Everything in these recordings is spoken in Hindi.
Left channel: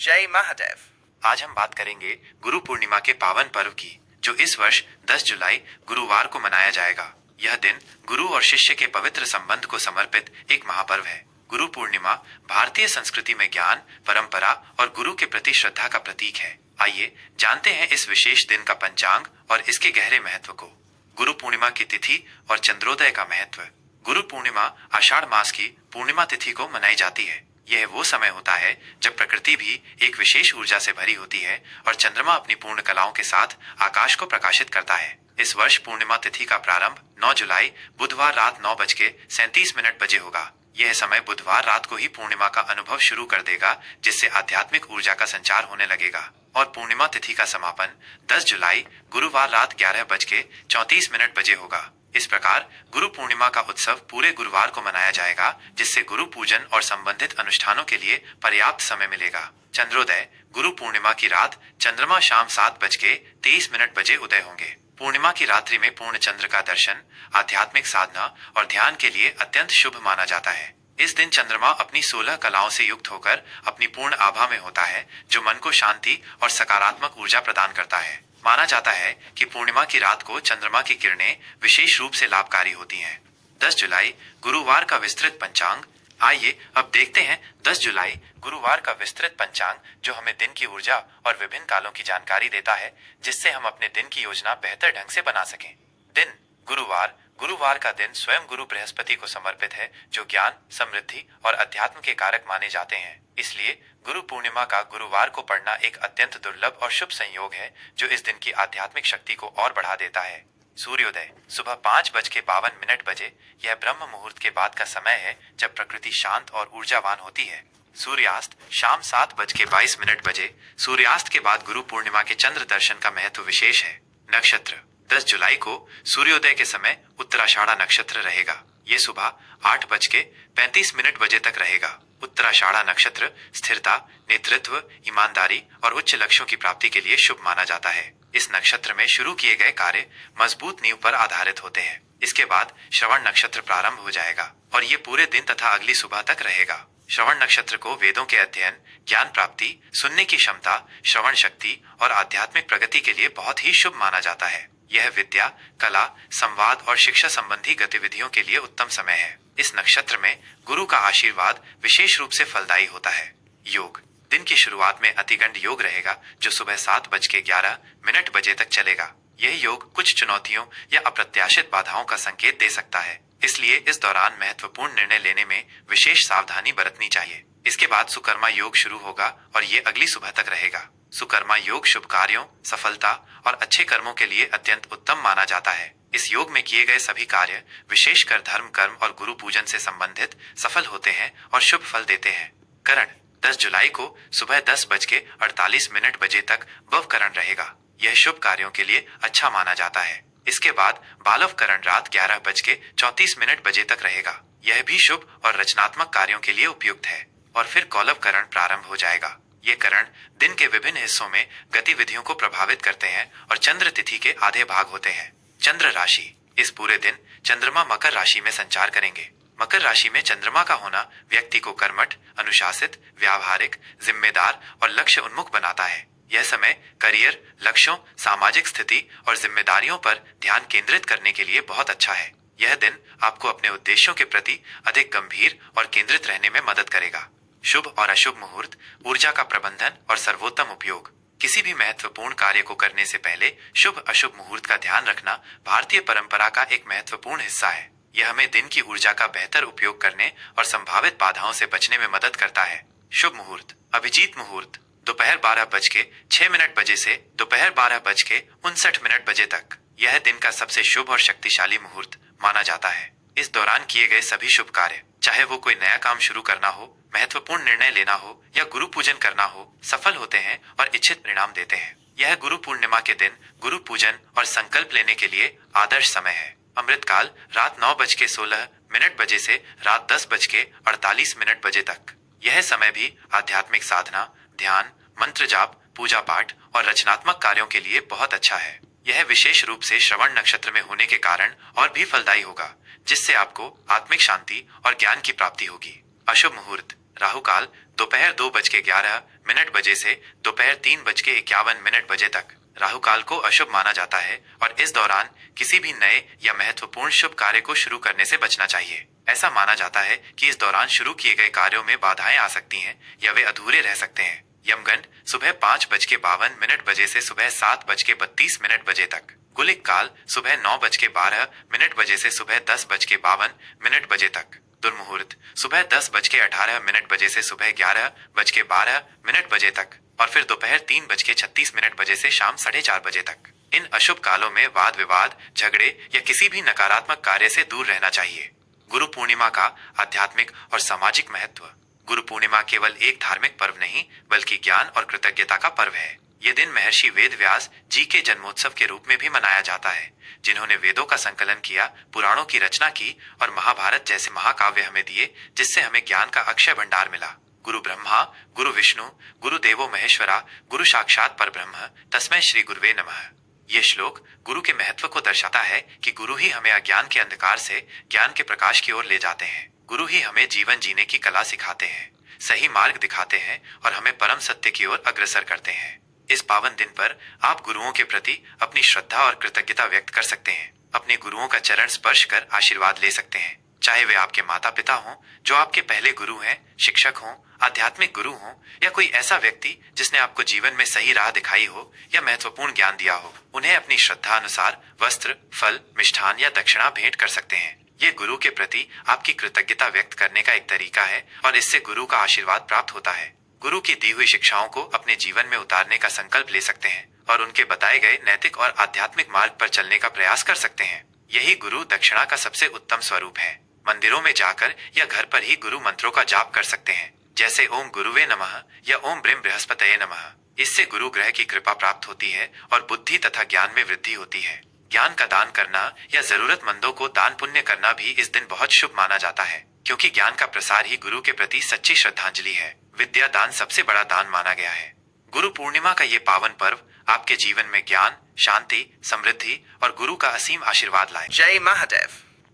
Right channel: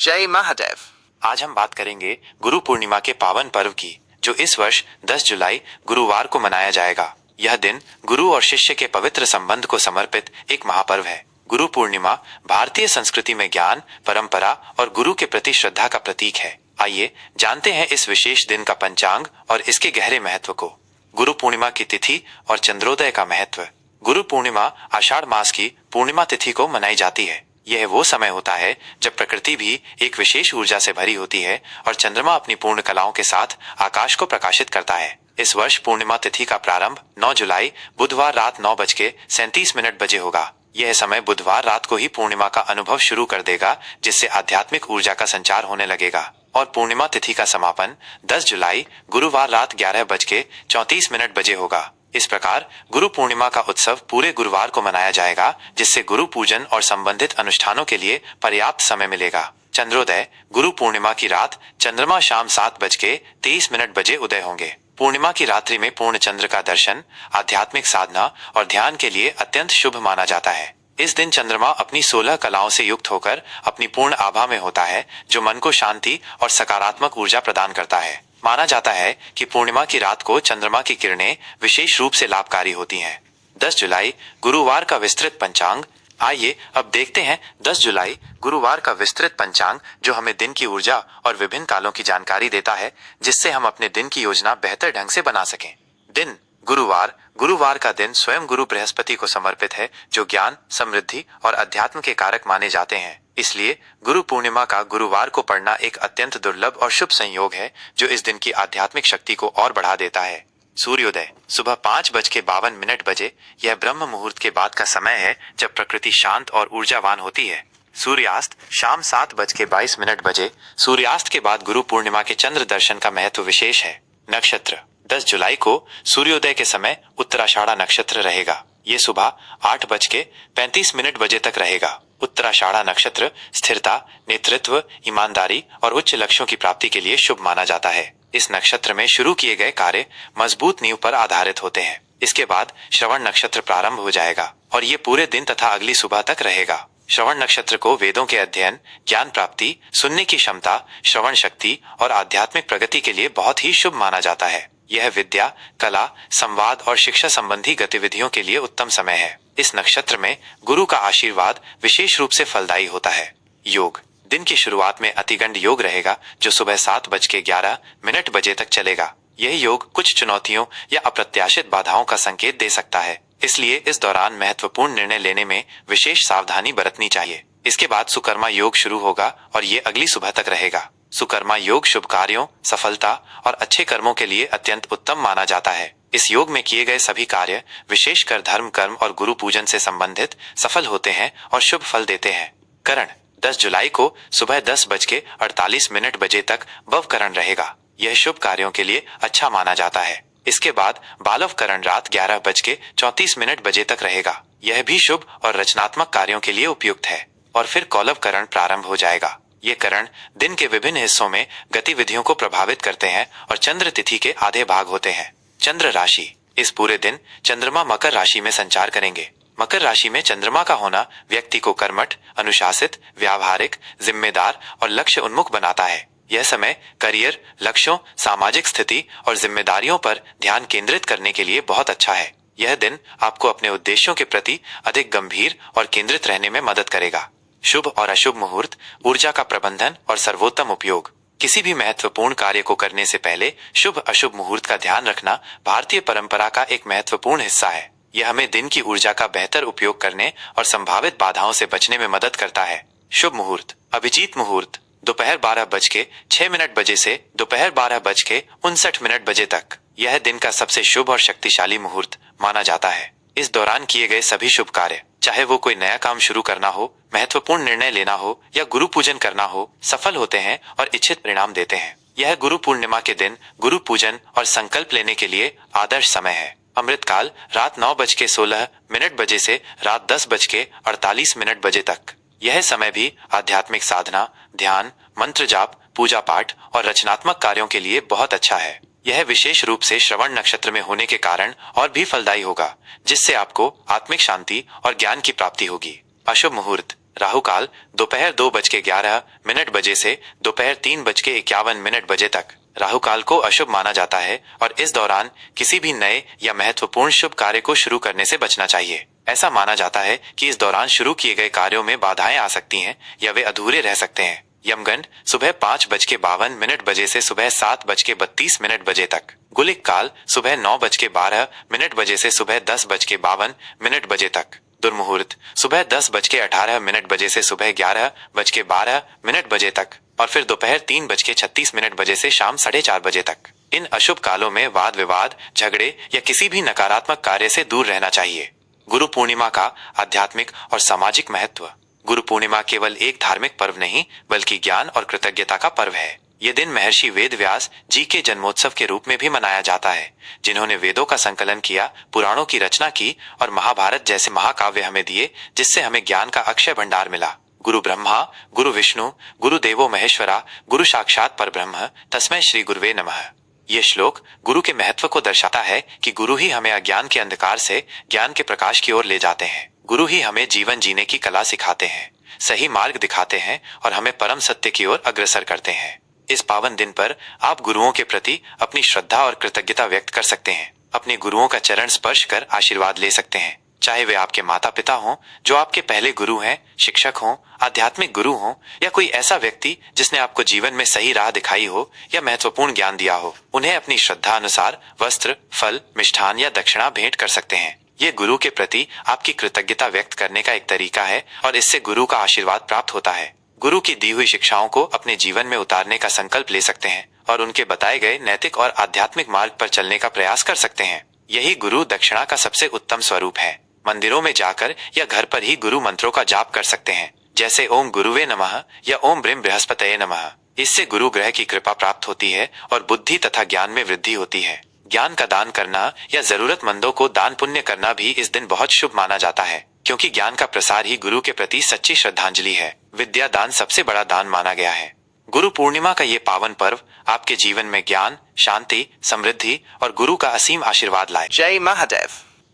जय महादेव। आज हम बात करेंगे गुरु पूर्णिमा के पावन पर्व की, जो इस वर्ष 10 जुलाई गुरुवार को मनाया जाएगा। यह दिन गुरु और शिष्य के पवित्र संबंध को समर्पित एक महापर्व है। गुरु पूर्णिमा भारतीय संस्कृति में ज्ञान, परंपरा और गुरु के प्रति श्रद्धा का प्रतीक है। आइए जानते हैं इस विशेष दिन का पंचांग और इसके गहरे महत्व को। गुरु पूर्णिमा की तिथि और चंद्रोदय का महत्व। गुरु पूर्णिमा आषाढ़ मास की पूर्णिमा तिथि को मनाई जाती है। यह वो समय होता है जब प्रकृति भी एक विशेष ऊर्जा से भरी होती है और चंद्रमा अपनी पूर्ण कलाओं के साथ आकाश को प्रकाशित करता है। इस वर्ष पूर्णिमा तिथि का प्रारंभ 9 जुलाई बुधवार रात 9:37 बजे होगा। यह समय बुधवार रात को ही पूर्णिमा का अनुभव शुरू कर देगा, जिससे आध्यात्मिक ऊर्जा का संचार होने लगेगा। और पूर्णिमा तिथि का समापन 10 जुलाई गुरुवार रात 11:34 बजे होगा। इस प्रकार गुरु पूर्णिमा का उत्सव पूरे गुरुवार को मनाया जाएगा, जिससे गुरु पूजन और संबंधित अनुष्ठानों के लिए पर्याप्त समय मिलेगा। चंद्रोदय। गुरु पूर्णिमा की रात चंद्रमा शाम 7:23 बजे उदय होंगे। पूर्णिमा की रात्रि में पूर्ण चंद्र का दर्शन आध्यात्मिक साधना और ध्यान के लिए अत्यंत शुभ माना जाता है। इस दिन चंद्रमा अपनी 16 कलाओं से युक्त होकर अपनी पूर्ण आभा में होता है, जो मन को शांति और सकारात्मक ऊर्जा प्रदान करता है। माना जाता है कि पूर्णिमा की रात को चंद्रमा की किरणें विशेष रूप से लाभकारी होती हैं। 10 जुलाई गुरुवार का विस्तृत पंचांग। आइए अब देखते हैं 10 जुलाई गुरुवार का विस्तृत पंचांग, जो हमें दिन की ऊर्जा और विभिन्न कालों की जानकारी देता है, जिससे हम अपने दिन की योजना बेहतर ढंग से बना सकें। दिन गुरुवार। गुरुवार का दिन स्वयं गुरु बृहस्पति को समर्पित है, जो ज्ञान, समृद्धि और अध्यात्म के कारक माने जाते हैं। इसलिए गुरु पूर्णिमा का गुरुवार को पढ़ना एक अत्यंत दुर्लभ और शुभ संयोग है, जो इस दिन की आध्यात्मिक शक्ति को और बढ़ा देता है। सूर्योदय। सुबह 5:52 बजे। यह ब्रह्म मुहूर्त के बाद का समय है, जब प्रकृति शांत और ऊर्जावान होती है। सूर्यास्त शाम 7:22 बजे। सूर्यास्त के बाद गुरु पूर्णिमा के चंद्र दर्शन का महत्व विशेष है। नक्षत्र। 10 जुलाई को सूर्योदय के समय उत्तराषाढ़ा नक्षत्र रहेगा। ये सुबह 8:35 बजे तक रहेगा। उत्तराषाढ़ा नक्षत्र स्थिरता, नेतृत्व, ईमानदारी और उच्च लक्ष्यों की प्राप्ति के लिए शुभ माना जाता है। इस नक्षत्र में शुरू किए गए कार्य मजबूत नींव पर आधारित होते हैं। इसके बाद श्रवण नक्षत्र प्रारंभ हो जाएगा और ये पूरे दिन तथा अगली सुबह तक रहेगा। श्रवण नक्षत्र को वेदों के अध्ययन, ज्ञान प्राप्ति, सुनने की क्षमता, श्रवण शक्ति और आध्यात्मिक प्रगति के लिए बहुत ही शुभ माना जाता है। यह विद्या, कला, संवाद और शिक्षा संबंधी गतिविधियों के लिए उत्तम समय है। इस नक्षत्र में गुरु का आशीर्वाद विशेष रूप से फलदायी होता है। योग। दिन की शुरुआत में अतिगंड योग रहेगा, जो सुबह 7:11 बजे तक चलेगा। यह योग कुछ चुनौतियों या अप्रत्याशित बाधाओं का संकेत दे सकता है, इसलिए इस दौरान महत्वपूर्ण निर्णय लेने में विशेष सावधानी बरतनी चाहिए। इसके बाद सुकर्मा योग शुरू होगा और ये अगली सुबह तक रहेगा। सुकर्मा योग शुभ कार्यों, सफलता और अच्छे कर्मों के लिए अत्यंत उत्तम माना जाता है। इस योग में किए गए सभी कार्य, विशेषकर धर्म, कर्म और गुरु पूजन से संबंधित, सफल होते हैं और शुभ फल देते हैं। करण। 10 जुलाई को सुबह 10:48 बजे तक बवकरण रहेगा। यह शुभ कार्यों के लिए अच्छा माना जाता है। इसके बाद बालवकरण रात 11:34 बजे तक रहेगा। यह भी शुभ और रचनात्मक कार्यों के लिए उपयुक्त है। और फिर कौलवकरण प्रारंभ हो जाएगा। ये करण दिन के विभिन्न हिस्सों में गतिविधियों को प्रभावित करते हैं और चंद्र तिथि के आधे भाग होते हैं। चंद्र राशि। इस पूरे दिन चंद्रमा मकर राशि में संचार करेंगे। मकर राशि में चंद्रमा का होना व्यक्ति को कर्मठ, अनुशासित, व्यावहारिक, जिम्मेदार और लक्ष्य उन्मुख बनाता है। यह समय करियर, लक्ष्यों, सामाजिक स्थिति और जिम्मेदारियों पर ध्यान केंद्रित करने के लिए बहुत अच्छा है। यह दिन आपको अपने उद्देश्यों के प्रति अधिक गंभीर और केंद्रित रहने में मदद करेगा। शुभ और अशुभ मुहूर्त, ऊर्जा का प्रबंधन और सर्वोत्तम उपयोग। किसी भी महत्वपूर्ण कार्य को करने से पहले शुभ अशुभ मुहूर्त का ध्यान रखना भारतीय परंपरा का एक महत्वपूर्ण हिस्सा है। यह हमें दिन की ऊर्जा का बेहतर उपयोग करने और संभावित बाधाओं से बचने में मदद करता है। शुभ मुहूर्त। अभिजीत मुहूर्त दोपहर 12:06 बजे से दोपहर 12:59 बजे तक। यह दिन का सबसे शुभ और शक्तिशाली मुहूर्त माना जाता है। इस दौरान किए गए सभी शुभ कार्य, चाहे वो कोई नया काम शुरू करना हो, महत्वपूर्ण निर्णय लेना हो या गुरु पूजन करना हो, सफल होते हैं और इच्छित परिणाम देते हैं। यह गुरु पूर्णिमा के दिन गुरु पूजन और संकल्प लेने के लिए आदर्श समय है। अमृतकाल रात 9:16 बजे से रात 10:48 बजे तक। यह समय भी आध्यात्मिक साधना, ध्यान, मंत्र जाप, पूजा पाठ और रचनात्मक कार्यों के लिए बहुत अच्छा है। यह विशेष रूप से श्रवण नक्षत्र में होने के कारण और भी फलदायी होगा, जिससे आपको आत्मिक शांति और ज्ञान की प्राप्ति होगी। अशुभ मुहूर्त। राहु काल दोपहर 2:11 बजे से दोपहर 3:51 बजे तक। राहु काल को अशुभ माना जाता है और इस दौरान किसी भी नए या महत्वपूर्ण शुभ कार्य को शुरू करने से बचना चाहिए। ऐसा माना जाता है कि इस दौरान शुरू किए गए कार्यों में बाधाएं आ सकती हैं या वे अधूरे रह सकते हैं। यमगंड सुबह 5:52 से सुबह 7:32 तक। गुलिक काल सुबह 9:12 से सुबह 10:52 तक। दुर्मुहूर्त सुबह 10:18 से सुबह 11:12 तक और फिर दोपहर 3:36 से शाम 4:30 तक। इन अशुभ कालों में वाद विवाद, झगड़े या किसी भी नकारात्मक कार्य से दूर रहना चाहिए। गुरु पूर्णिमा का आध्यात्मिक और सामाजिक महत्व। गुरु पूर्णिमा केवल एक धार्मिक पर्व नहीं बल्कि ज्ञान और कृतज्ञता का पर्व है। ये दिन महर्षि वेद व्यास जी के जन्मोत्सव के रूप में भी मनाया जाता है, जिन्होंने वेदों का संकलन किया, पुराणों की रचना की और महाभारत जैसे महाकाव्य हमें दिए, जिससे हमें ज्ञान का अक्षय भंडार मिला। गुरु ब्रह्मा, गुरु विष्णु, गुरु देवो महेश्वरा, गुरु साक्षात परब्रह्म, तस्मै श्री गुरुवे नमः। ये श्लोक गुरु के महत्व को दर्शाता है कि गुरु ही हमें अज्ञान के अंधकार से ज्ञान के प्रकाश की ओर ले जाते हैं। गुरु ही हमें जीवन जीने की कला सिखाते हैं, सही मार्ग दिखाते हैं और हमें परम सत्य की ओर अग्रसर करते हैं। इस पावन दिन पर आप गुरुओं के प्रति अपनी श्रद्धा और कृतज्ञता व्यक्त कर सकते हैं। अपने गुरुओं का चरण स्पर्श कर आशीर्वाद ले सकते हैं, चाहे वे आपके माता पिता हों जो आपके पहले गुरु हैं, शिक्षक हों, आध्यात्मिक गुरु हों या कोई ऐसा व्यक्ति जिसने आपको जीवन में सही राह दिखाई हो या महत्वपूर्ण ज्ञान दिया हो। उन्हें अपनी श्रद्धा अनुसार वस्त्र, फल, मिष्ठान या दक्षिणा भेंट कर सकते हैं। ये गुरु के प्रति आपकी कृतज्ञता व्यक्त करने का एक तरीका है और इससे गुरु का आशीर्वाद प्राप्त होता है। गुरु की दी हुई शिक्षाओं को अपने जीवन में उतारने का संकल्प ले सकते हैं और उनके बताए गए नैतिक और आध्यात्मिक मार्ग पर चलने का प्रयास कर सकते हैं। यही गुरु दक्षिणा का सबसे उत्तम स्वरूप है। मंदिरों में जाकर या घर पर ही गुरु मंत्रों का जाप कर सकते हैं, जैसे ओम गुरुवे नमः या ओम ब्रीम बृहस्पतये नमः। इससे गुरु ग्रह की कृपा प्राप्त होती है और बुद्धि तथा ज्ञान में वृद्धि होती है। ज्ञान का दान करना या जरूरतमंदों को दान पुण्य करना भी इस दिन बहुत शुभ माना जाता है, क्योंकि ज्ञान का प्रसार ही गुरु के प्रति सच्ची श्रद्धांजलि है। विद्या दान सबसे बड़ा दान माना गया है। गुरु पूर्णिमा का ये पावन पर्व आपके जीवन में ज्ञान, शांति, समृद्धि और गुरु का असीम आशीर्वाद लाए। जय महादेव।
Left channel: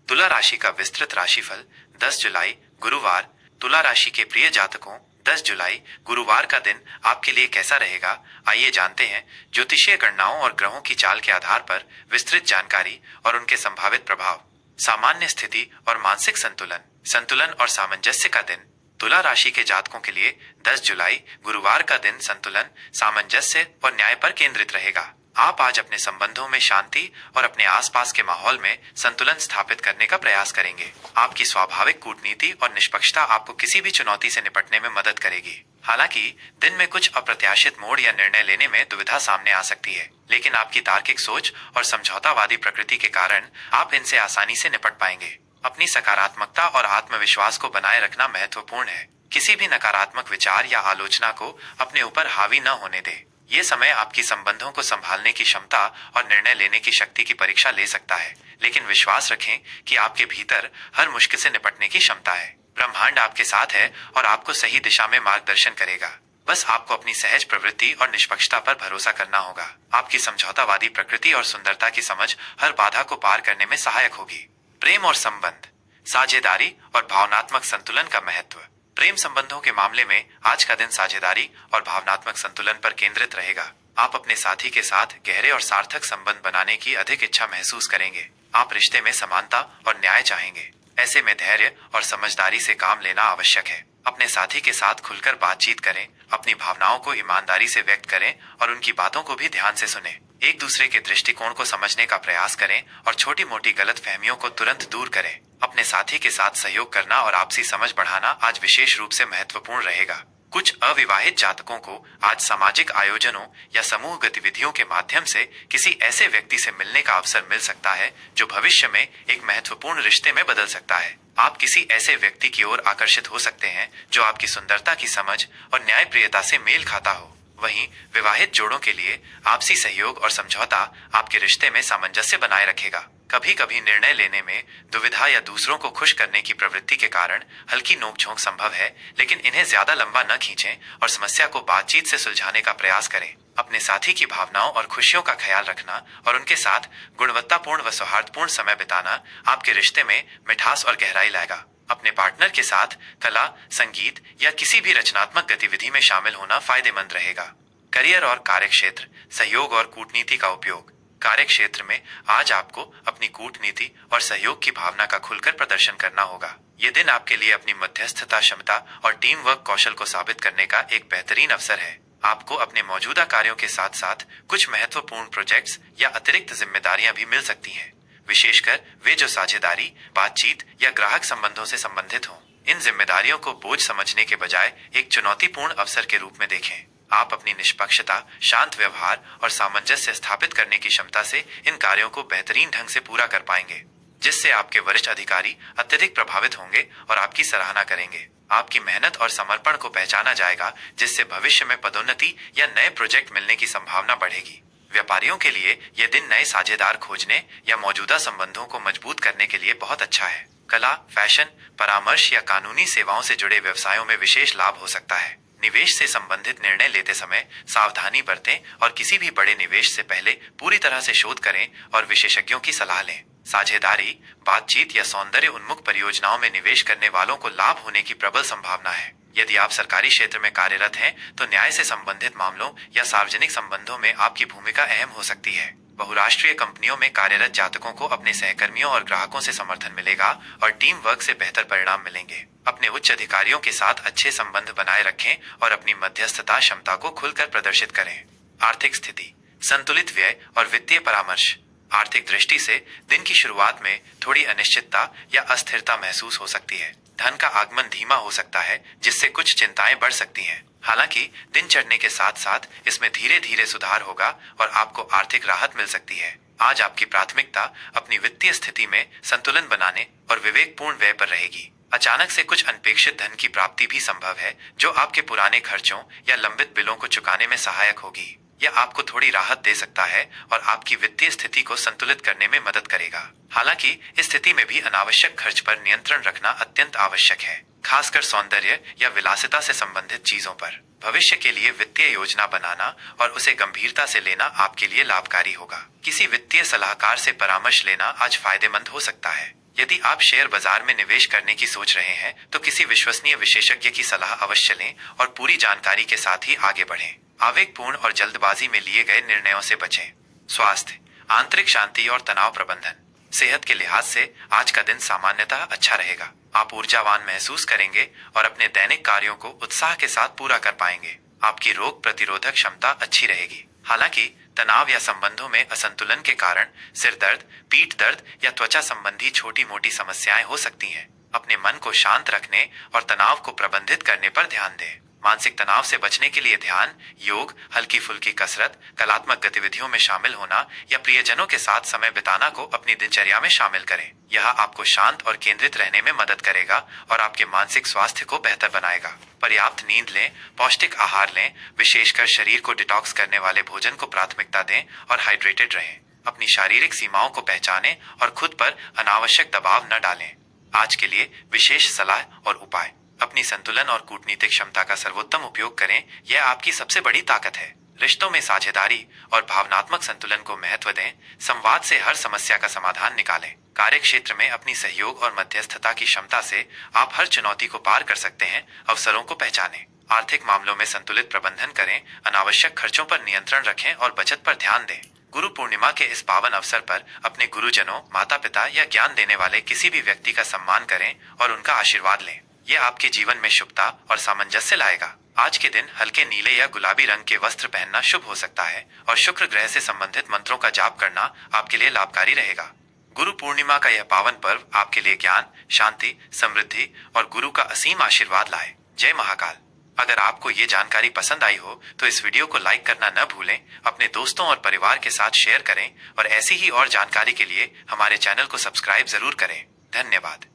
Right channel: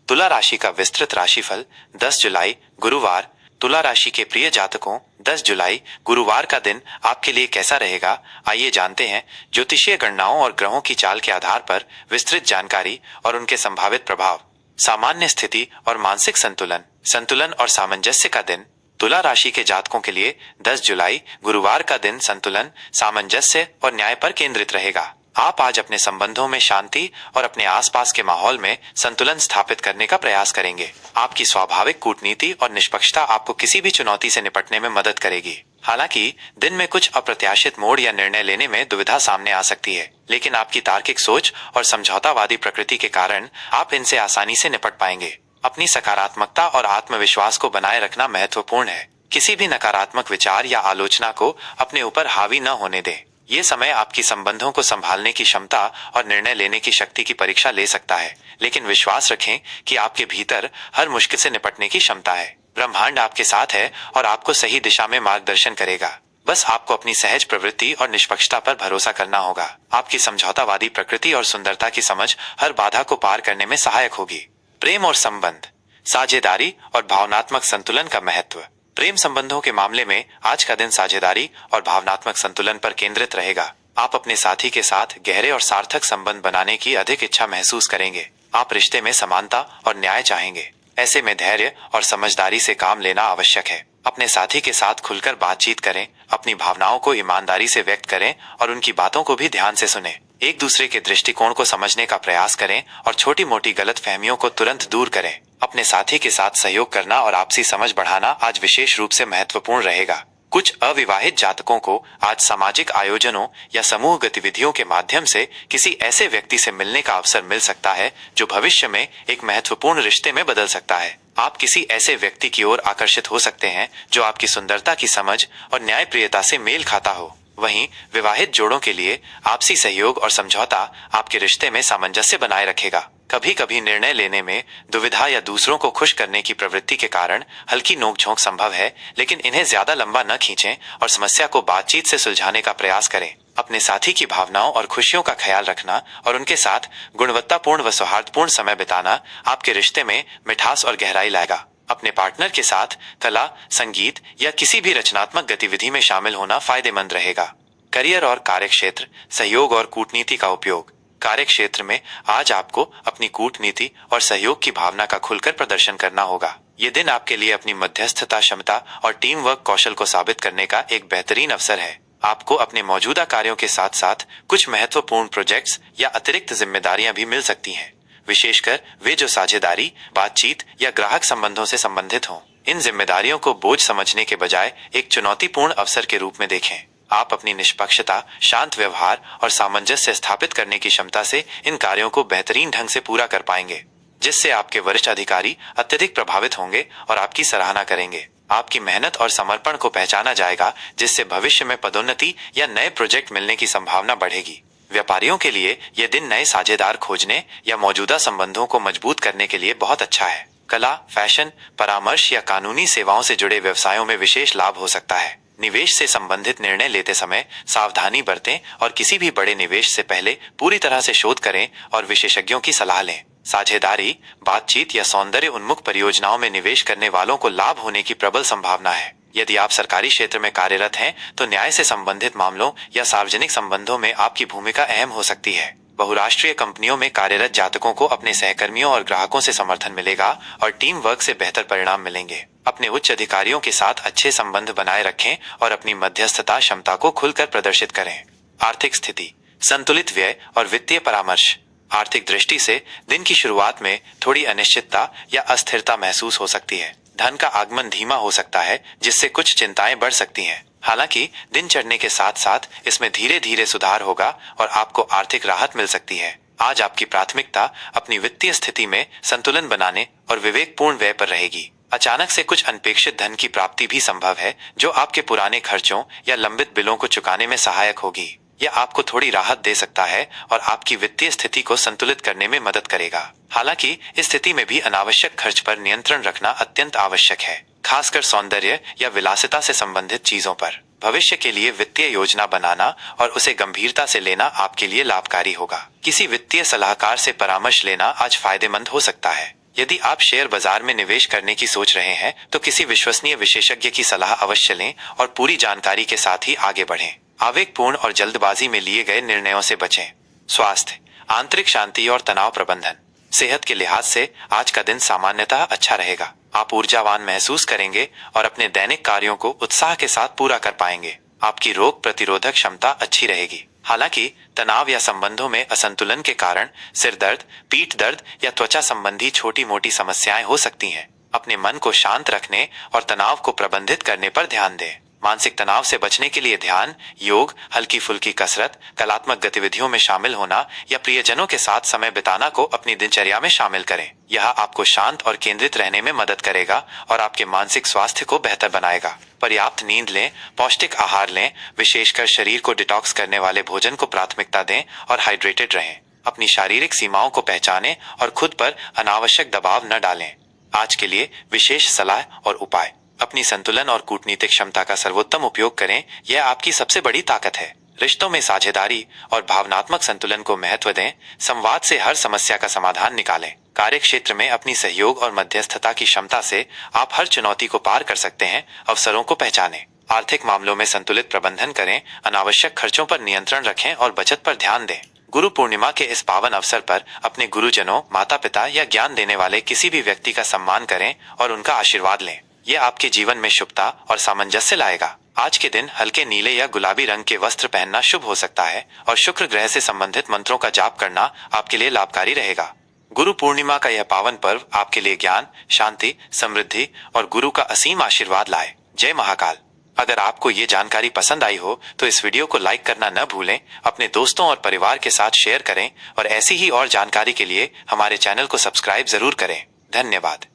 तुला राशि का विस्तृत राशिफल 10 जुलाई गुरुवार। तुला राशि के प्रिय जातकों, 10 जुलाई गुरुवार का दिन आपके लिए कैसा रहेगा, आइए जानते हैं। ज्योतिषीय गणनाओं और ग्रहों की चाल के आधार पर विस्तृत जानकारी और उनके संभावित प्रभाव। सामान्य स्थिति और मानसिक संतुलन। संतुलन और सामंजस्य का दिन। तुला राशि के जातकों के लिए 10 जुलाई गुरुवार का दिन संतुलन, सामंजस्य और न्याय पर केंद्रित रहेगा। आप आज अपने संबंधों में शांति और अपने आसपास के माहौल में संतुलन स्थापित करने का प्रयास करेंगे। आपकी स्वाभाविक कूटनीति और निष्पक्षता आपको किसी भी चुनौती से निपटने में मदद करेगी। हालांकि दिन में कुछ अप्रत्याशित मोड़ या निर्णय लेने में दुविधा सामने आ सकती है, लेकिन आपकी तार्किक सोच और समझौतावादी प्रकृति के कारण आप इनसे आसानी से निपट पाएंगे। अपनी सकारात्मकता और आत्मविश्वास को बनाए रखना महत्वपूर्ण है। किसी भी नकारात्मक विचार या आलोचना को अपने ऊपर हावी न होने दें। ये समय आपकी संबंधों को संभालने की क्षमता और निर्णय लेने की शक्ति की परीक्षा ले सकता है, लेकिन विश्वास रखें कि आपके भीतर हर मुश्किल से निपटने की क्षमता है। ब्रह्मांड आपके साथ है और आपको सही दिशा में मार्गदर्शन करेगा। बस आपको अपनी सहज प्रवृत्ति और निष्पक्षता पर भरोसा करना होगा। आपकी समझौतावादी प्रकृति और सुंदरता की समझ हर बाधा को पार करने में सहायक होगी। प्रेम और संबंध, साझेदारी और भावनात्मक संतुलन का महत्व। प्रेम संबंधों के मामले में आज का दिन साझेदारी और भावनात्मक संतुलन पर केंद्रित रहेगा। आप अपने साथी के साथ गहरे और सार्थक संबंध बनाने की अधिक इच्छा महसूस करेंगे। आप रिश्ते में समानता और न्याय चाहेंगे। ऐसे में धैर्य और समझदारी से काम लेना आवश्यक है। अपने साथी के साथ खुलकर बातचीत करें, अपनी भावनाओं को ईमानदारी से व्यक्त करें और उनकी बातों को भी ध्यान से सुनें। एक दूसरे के दृष्टिकोण को समझने का प्रयास करें और छोटी मोटी गलतफहमियों को तुरंत दूर करें। अपने साथी के साथ सहयोग करना और आपसी समझ बढ़ाना आज विशेष रूप से महत्वपूर्ण रहेगा। कुछ अविवाहित जातकों को आज सामाजिक आयोजनों या समूह गतिविधियों के माध्यम से किसी ऐसे व्यक्ति से मिलने का अवसर मिल सकता है जो भविष्य में एक महत्वपूर्ण रिश्ते में बदल सकता है। आप किसी ऐसे व्यक्ति की ओर आकर्षित हो सकते हैं जो आपकी सुंदरता की समझ और न्यायप्रियता से मेल खाता हो। वहीं विवाहित जोड़ों के लिए आपसी सहयोग और समझौता आपके रिश्ते में सामंजस्य बनाए रखेगा। कभी कभी निर्णय लेने में दुविधा या दूसरों को खुश करने की प्रवृत्ति के कारण हल्की नोकझोंक संभव है, लेकिन इन्हें ज्यादा लंबा न खींचें और समस्या को बातचीत से सुलझाने का प्रयास करें। अपने साथी की भावनाओं और खुशियों का ख्याल रखना और उनके साथ गुणवत्तापूर्ण व सौहार्दपूर्ण समय बिताना आपके रिश्ते में मिठास और गहराई लाएगा। अपने पार्टनर के साथ कला, संगीत या किसी भी रचनात्मक गतिविधि में शामिल होना फायदेमंद रहेगा। करियर और कार्यक्षेत्र, सहयोग और कूटनीति का उपयोग। कार्यक्षेत्र में आज आपको अपनी कूटनीति और सहयोग की भावना का खुलकर प्रदर्शन करना होगा। ये दिन आपके लिए अपनी मध्यस्थता क्षमता और टीम वर्क कौशल को साबित करने का एक बेहतरीन अवसर है। आपको अपने मौजूदा कार्यों के साथ साथ कुछ महत्वपूर्ण प्रोजेक्ट्स या अतिरिक्त जिम्मेदारियां भी मिल सकती हैं, विशेषकर वे जो साझेदारी, बातचीत या ग्राहक संबंधों से संबंधित हों। इन जिम्मेदारियों को बोझ समझने के बजाय एक चुनौतीपूर्ण अवसर के रूप में देखें। आप अपनी निष्पक्षता, शांत व्यवहार और सामंजस्य स्थापित करने की क्षमता से इन कार्यों को बेहतरीन ढंग से पूरा कर पाएंगे, जिससे आपके वरिष्ठ अधिकारी अत्यधिक प्रभावित होंगे और आपकी सराहना करेंगे। आपकी मेहनत और समर्पण को पहचाना जाएगा, जिससे भविष्य में पदोन्नति या नए प्रोजेक्ट मिलने की संभावना बढ़ेगी। व्यापारियों के लिए यह दिन नए साझेदार खोजने या मौजूदा संबंधों को मजबूत करने के लिए बहुत अच्छा है। कला, फैशन, परामर्श या कानूनी सेवाओं से जुड़े व्यवसायों में विशेष लाभ हो सकता है। निवेश से संबंधित निर्णय लेते समय सावधानी बरतें और किसी भी बड़े निवेश से पहले पूरी तरह से शोध करें और विशेषज्ञों की सलाह लें। साझेदारी, बातचीत या सौंदर्य उन्मुख परियोजनाओं में निवेश करने वालों को लाभ होने की प्रबल संभावना है। यदि आप सरकारी क्षेत्र में कार्यरत हैं, तो न्याय से संबंधित मामलों या सार्वजनिक संबंधों में आपकी भूमिका अहम हो सकती है। बहुराष्ट्रीय कंपनियों में कार्यरत जातकों को अपने सहकर्मियों और ग्राहकों से समर्थन मिलेगा और टीम वर्क से बेहतर परिणाम मिलेंगे। अपने उच्च अधिकारियों के साथ अच्छे संबंध बनाए रखें और अपनी मध्यस्थता क्षमता को खुलकर प्रदर्शित करें। आर्थिक स्थिति, संतुलित व्यय और वित्तीय परामर्श। आर्थिक दृष्टि से दिन की शुरुआत में थोड़ी अनिश्चितता या अस्थिरता महसूस हो सकती है। धन का आगमन धीमा हो सकता है, जिससे कुछ चिंताएं बढ़ सकती हैं। हालांकि दिन चढ़ने के साथ साथ इसमें धीरे धीरे सुधार होगा और आपको आर्थिक राहत मिल सकती है। आज आपकी प्राथमिकता अपनी वित्तीय स्थिति में संतुलन बनाने और विवेकपूर्ण व्यय पर रहेगी। अचानक से कुछ अनपेक्षित धन की प्राप्ति भी संभव है, जो आपके पुराने खर्चों या लंबित बिलों को चुकाने में सहायक होगी। यह आपको थोड़ी राहत दे सकता है और आपकी वित्तीय स्थिति को संतुलित करने में मदद करेगा। हालांकि इस स्थिति में भी अनावश्यक खर्च पर नियंत्रण रखना अत्यंत आवश्यक है, खासकर सौंदर्य या विलासिता से संबंधित चीजों पर। भविष्य के लिए वित्तीय योजना बनाना और उसे गंभीरता से लेना आपके लिए लाभकारी होगा। किसी वित्तीय सलाहकार से परामर्श लेना आज फायदेमंद हो सकता है। यदि आप शेयर बाजार में निवेश करने की सोच रहे हैं, तो किसी विश्वसनीय विशेषज्ञ की सलाह अवश्य लें और पूरी जानकारी के साथ ही आगे बढ़ें। आवेगपूर्ण और जल्दबाजी में लिए गए निर्णयों से बचें। स्वास्थ्य, आंतरिक शांति और तनाव प्रबंधन। सेहत के लिहाज से आज का दिन सामान्यतः अच्छा रहेगा। आप ऊर्जावान महसूस करेंगे और अपने दैनिक कार्यों को उत्साह के साथ पूरा कर पाएंगे। आपकी रोग प्रतिरोधक क्षमता अच्छी रहेगी। हालांकि तनाव या संबंधों में असंतुलन के कारण सिर दर्द, पीठ दर्द या त्वचा संबंधी छोटी मोटी समस्याएं हो सकती हैं। अपने मन को शांत रखने और तनाव को प्रबंधित करने पर ध्यान दें। मानसिक तनाव से बचने के लिए ध्यान, योग, हल्की फुल्की कसरत, कलात्मक गतिविधियों में शामिल होना या प्रियजनों के साथ समय बिताना को अपनी दिनचर्या में शामिल करें। यह आपको शांत और केंद्रित रहने में मदद करेगा और आपके मानसिक स्वास्थ्य को बेहतर बनाएगा। पर्याप्त नींद लें, पौष्टिक आहार लें, विशेषकर शरीर को डिटॉक्स करने वाले भोजन को प्राथमिकता दें और हाइड्रेटेड रहें। अपनी शारीरिक सीमाओं को पहचानें और खुद पर अनावश्यक दबाव न डालें। आज के लिए विशेष सलाह और उपाय। अपनी संतुलन और कूटनीतिक क्षमता का सर्वोत्तम उपयोग करें, यह आपकी सबसे बड़ी ताकत है। रिश्तों में साझेदारी और भावनात्मक संतुलन को महत्व दें। संवाद से हर समस्या का समाधान निकालें। कार्यक्षेत्र में अपनी सहयोग और मध्यस्थता की क्षमता से आप हर चुनौती को पार कर सकते हैं। अवसरों को पहचानें। आर्थिक मामलों में संतुलित प्रबंधन करें, अनावश्यक खर्चों पर नियंत्रण रखें और बचत पर ध्यान दें। गुरु पूर्णिमा के इस पावन अवसर पर अपने गुरुजनों, माता पिता या ज्ञान देने वाले किसी भी व्यक्ति का सम्मान करें और उनका आशीर्वाद लें। यह आपके जीवन में शुभता और सामंजस्य लाएगा। आज के दिन हल्के नीले या गुलाबी रंग के वस्त्र पहनना शुभ हो सकता है और शुक्र ग्रह से संबंधित मंत्रों का जाप करना आपके लिए लाभकारी रहेगा। गुरु पूर्णिमा का यह पावन पर्व आपके लिए ज्ञान, शांति, समृद्धि और गुरु का असीम आशीर्वाद लाए। जय महाकाल। अगर आपको ये जानकारी पसंद आई हो तो इस वीडियो को लाइक करना न भूलें, अपने दोस्तों और परिवार के साथ शेयर करें और ऐसी ही और जानकारी के लिए हमारे चैनल को सब्सक्राइब जरूर करें। धन्यवाद।